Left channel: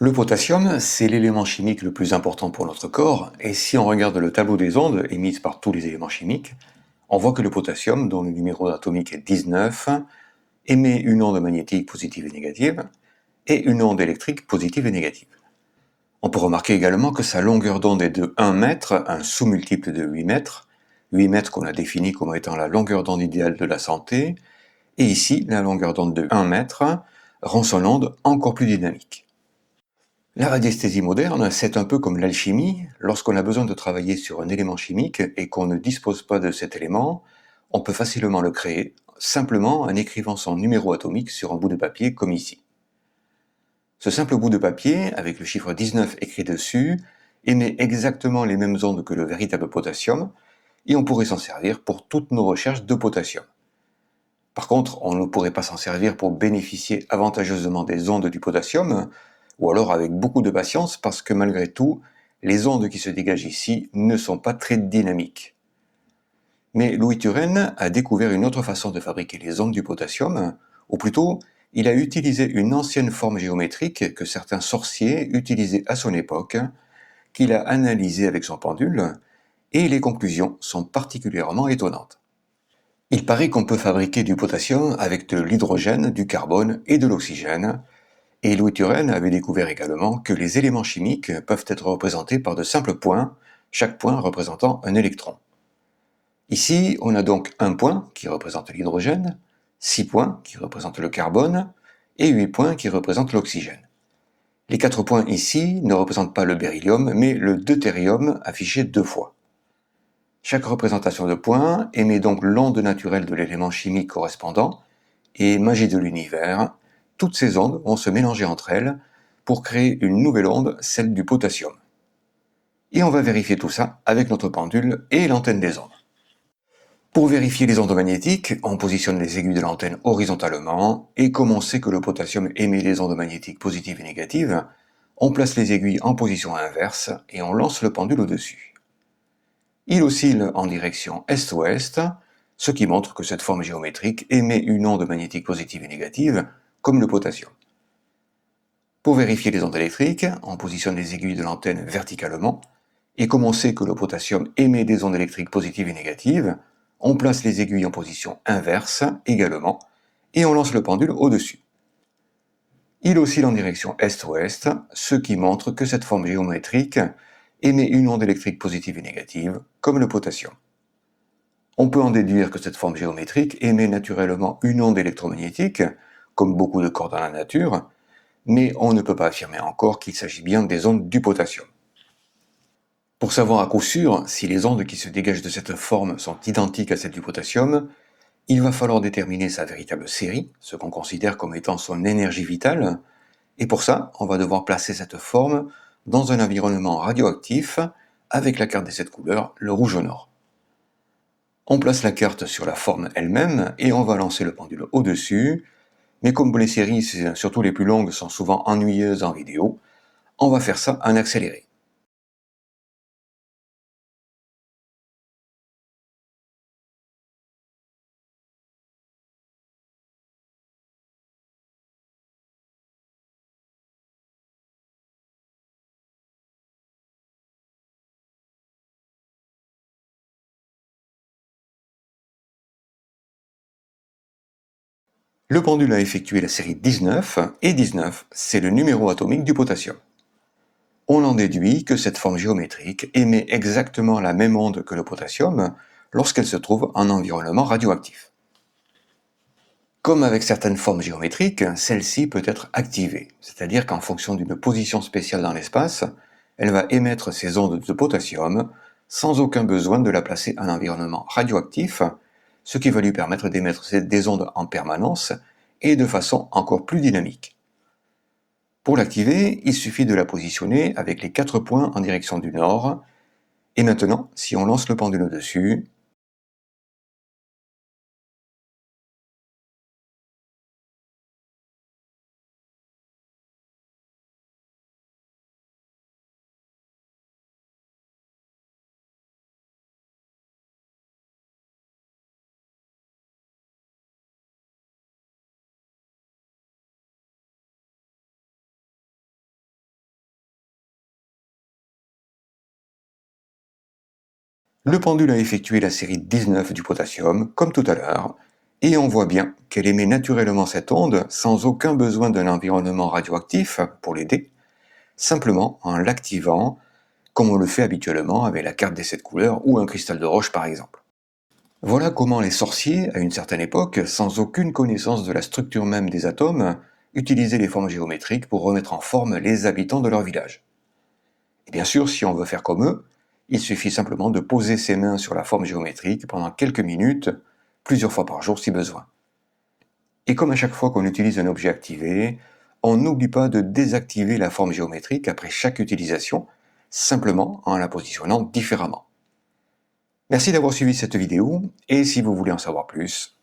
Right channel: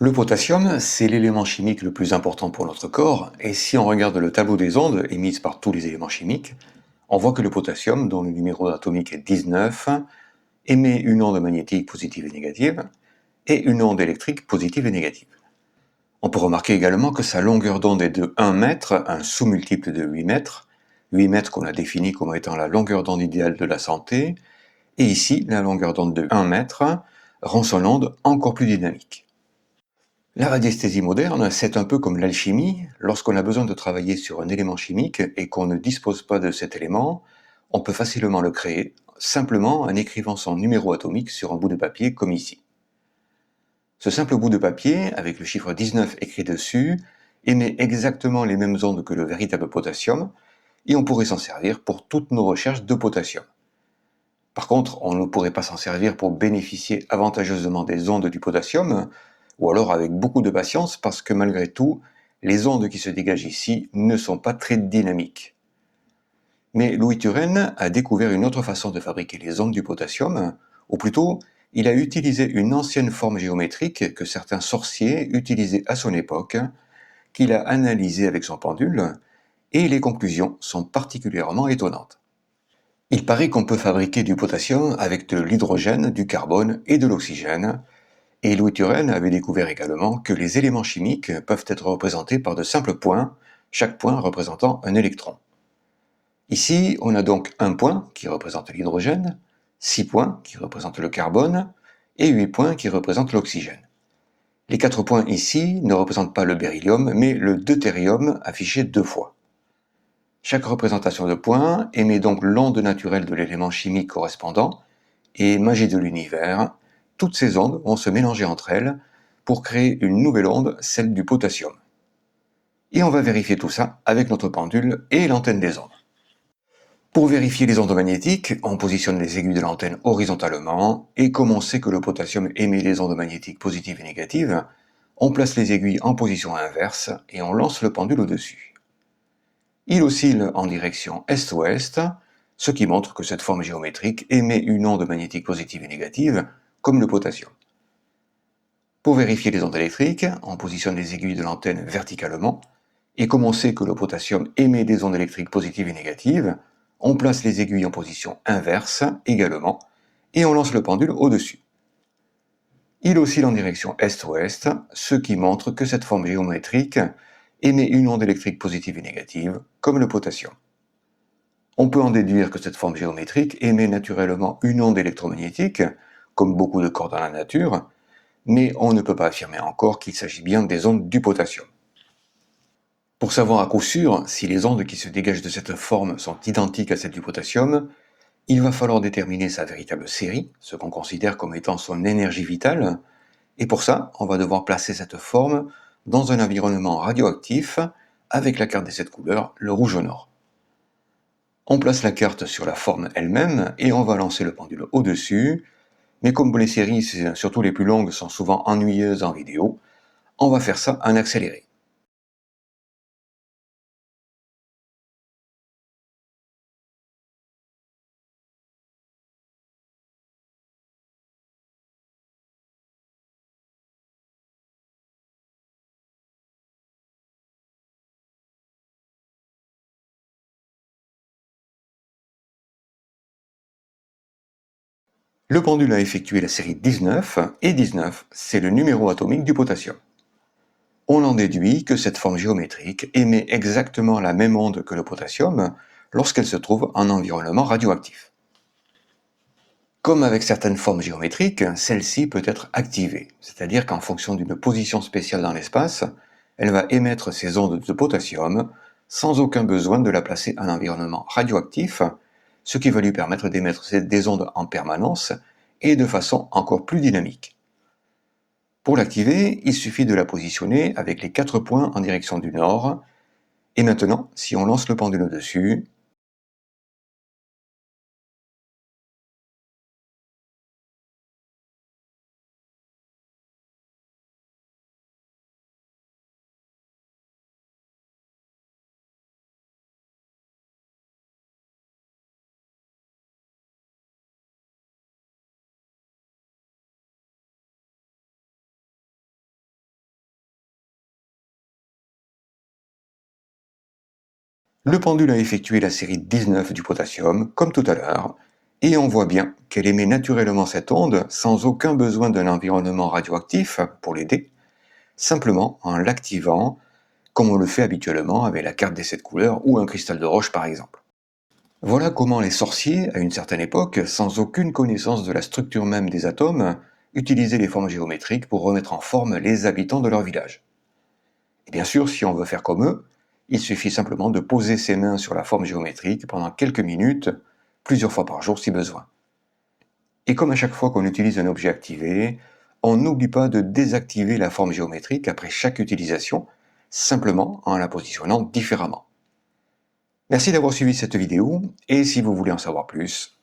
Le potassium, c'est l'élément chimique le plus important pour notre corps, et si on regarde le tableau des ondes émises par tous les éléments chimiques, on voit que le potassium, dont le numéro atomique est 19, émet une onde magnétique positive et négative, et une onde électrique positive et négative. On peut remarquer également que sa longueur d'onde est de 1 mètre, un sous-multiple de 8 mètres qu'on a défini comme étant la longueur d'onde idéale de la santé, et ici, la longueur d'onde de 1 mètre rend son onde encore plus dynamique. La radiesthésie moderne, c'est un peu comme l'alchimie. Lorsqu'on a besoin de travailler sur un élément chimique et qu'on ne dispose pas de cet élément, on peut facilement le créer, simplement en écrivant son numéro atomique sur un bout de papier comme ici. Ce simple bout de papier, avec le chiffre 19 écrit dessus, émet exactement les mêmes ondes que le véritable potassium, et on pourrait s'en servir pour toutes nos recherches de potassium. Par contre, on ne pourrait pas s'en servir pour bénéficier avantageusement des ondes du potassium, ou alors avec beaucoup de patience, parce que malgré tout, les ondes qui se dégagent ici ne sont pas très dynamiques. Mais Louis Turenne a découvert une autre façon de fabriquer les ondes du potassium, ou plutôt, il a utilisé une ancienne forme géométrique que certains sorciers utilisaient à son époque, qu'il a analysée avec son pendule, et les conclusions sont particulièrement étonnantes. Il paraît qu'on peut fabriquer du potassium avec de l'hydrogène, du carbone et de l'oxygène, et Louis Turenne avait découvert également que les éléments chimiques peuvent être représentés par de simples points, chaque point représentant un électron. Ici, on a donc un point qui représente l'hydrogène, 6 points qui représentent le carbone et 8 points qui représentent l'oxygène. Les 4 points ici ne représentent pas le beryllium, mais le deutérium affiché 2 fois. Chaque représentation de points émet donc l'onde naturelle de l'élément chimique correspondant, et magie de l'univers, toutes ces ondes vont se mélanger entre elles pour créer une nouvelle onde, celle du potassium. Et on va vérifier tout ça avec notre pendule et l'antenne des ondes. Pour vérifier les ondes magnétiques, on positionne les aiguilles de l'antenne horizontalement, et comme on sait que le potassium émet les ondes magnétiques positives et négatives, on place les aiguilles en position inverse et on lance le pendule au-dessus. Il oscille en direction est-ouest, ce qui montre que cette forme géométrique émet une onde magnétique positive et négative, comme le potassium. Pour vérifier les ondes électriques, on positionne les aiguilles de l'antenne verticalement, et comme on sait que le potassium émet des ondes électriques positives et négatives, on place les aiguilles en position inverse également, et on lance le pendule au-dessus. Il oscille en direction est-ouest, ce qui montre que cette forme géométrique émet une onde électrique positive et négative, comme le potassium. On peut en déduire que cette forme géométrique émet naturellement une onde électromagnétique, comme beaucoup de corps dans la nature, mais on ne peut pas affirmer encore qu'il s'agit bien des ondes du potassium. Pour savoir à coup sûr si les ondes qui se dégagent de cette forme sont identiques à celles du potassium, il va falloir déterminer sa véritable série, ce qu'on considère comme étant son énergie vitale, et pour ça, on va devoir placer cette forme dans un environnement radioactif avec la carte des 7 couleurs, le rouge au nord. On place la carte sur la forme elle-même et on va lancer le pendule au-dessus, mais comme les séries, surtout les plus longues, sont souvent ennuyeuses en vidéo, on va faire ça en accéléré. Le pendule a effectué la série 19, et 19, c'est le numéro atomique du potassium. On en déduit que cette forme géométrique émet exactement la même onde que le potassium lorsqu'elle se trouve en environnement radioactif. Comme avec certaines formes géométriques, celle-ci peut être activée, c'est-à-dire qu'en fonction d'une position spéciale dans l'espace, elle va émettre ses ondes de potassium sans aucun besoin de la placer en environnement radioactif, ce qui va lui permettre d'émettre des ondes en permanence et de façon encore plus dynamique. Pour l'activer, il suffit de la positionner avec les 4 points en direction du nord, et maintenant, si on lance le pendule au-dessus, Le pendule a effectué la série 19 du potassium, comme tout à l'heure, et on voit bien qu'elle émet naturellement cette onde sans aucun besoin d'un environnement radioactif pour l'aider, simplement en l'activant, comme on le fait habituellement avec la carte des 7 couleurs ou un cristal de roche par exemple. Voilà comment les sorciers, à une certaine époque, sans aucune connaissance de la structure même des atomes, utilisaient les formes géométriques pour remettre en forme les habitants de leur village. Et bien sûr, si on veut faire comme eux, il suffit simplement de poser ses mains sur la forme géométrique pendant quelques minutes, plusieurs fois par jour si besoin. Et comme à chaque fois qu'on utilise un objet activé, on n'oublie pas de désactiver la forme géométrique après chaque utilisation, simplement en la positionnant différemment. Merci d'avoir suivi cette vidéo, et si vous voulez en savoir plus,